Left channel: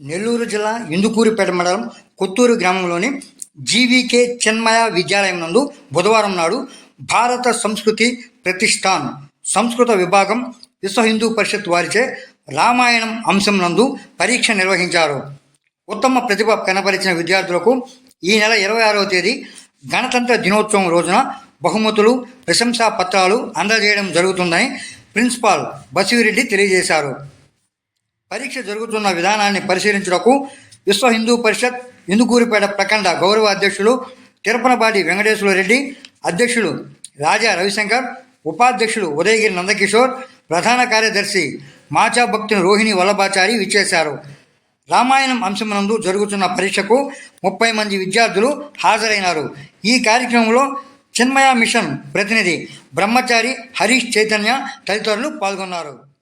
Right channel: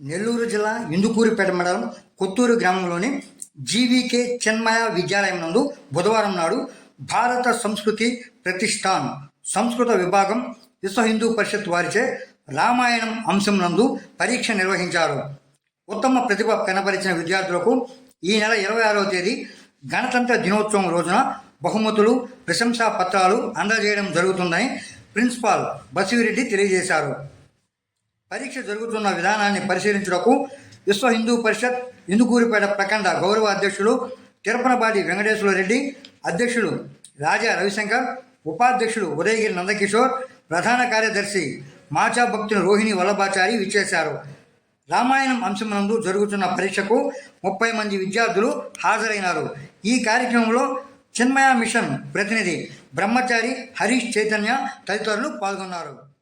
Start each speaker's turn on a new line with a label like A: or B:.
A: నెల్లూరు జిల్లా ఇందుకూరుపేట మండలం కొత్తూరు గ్రామంలోని జీవీకే చిన్మయ విద్యాలయం నందు బుధవారం నాడు భారత సంస్కృతి ప్రతిష్టాన్ సంస్కృత విభాగం విశ్వ హిందూ పరిషత్ వారిచే రామాయణం అంశం నందు పరీక్ష నిర్వహించారు. ఉత్తమ ప్రతిభ కనపరిచిన విద్యార్థులకు ఈ నెల ఇరవై ఆరవ తేదీ గణతంత్ర దినోత్సవం రోజున బహుమతులు ప్రశంసా పత్రాలు అందజేయడం జరుగుతుందని ప్రిన్సిపాల్ బసివిరెడ్డి తెలియజేశారు. పరీక్ష జరుగుతున్న విధానాన్ని పరిశీలించుటకు విశ్వ హిందూ పరిషత్ ఇందుకూరిపేట ప్రఖండ గౌరవ అధ్యక్షులు తిరుపనపాటి వెంకటేశ్వర రెడ్డి అధ్యక్షులు రాజా రవిశంకర్ ఉపాధ్యక్షులు ఉదయగిరి నందకిషోర్ ప్రధాన కార్యదర్శి మాచా భక్తుని రోహిణి వల్లభాచారి విచ్చేశారు. రామాయణం అంశమునందు జరుగుతున్న పరీక్షకు ముప్పై మంది విద్యార్థులు హాజరైనారు. ఈ కార్యక్రమంలో చిన్మయ మిషన్ ప్రతినిధి బ్రహ్మచారి హరీష్ చైతన్య తదితరులు పాల్గొన్నారు.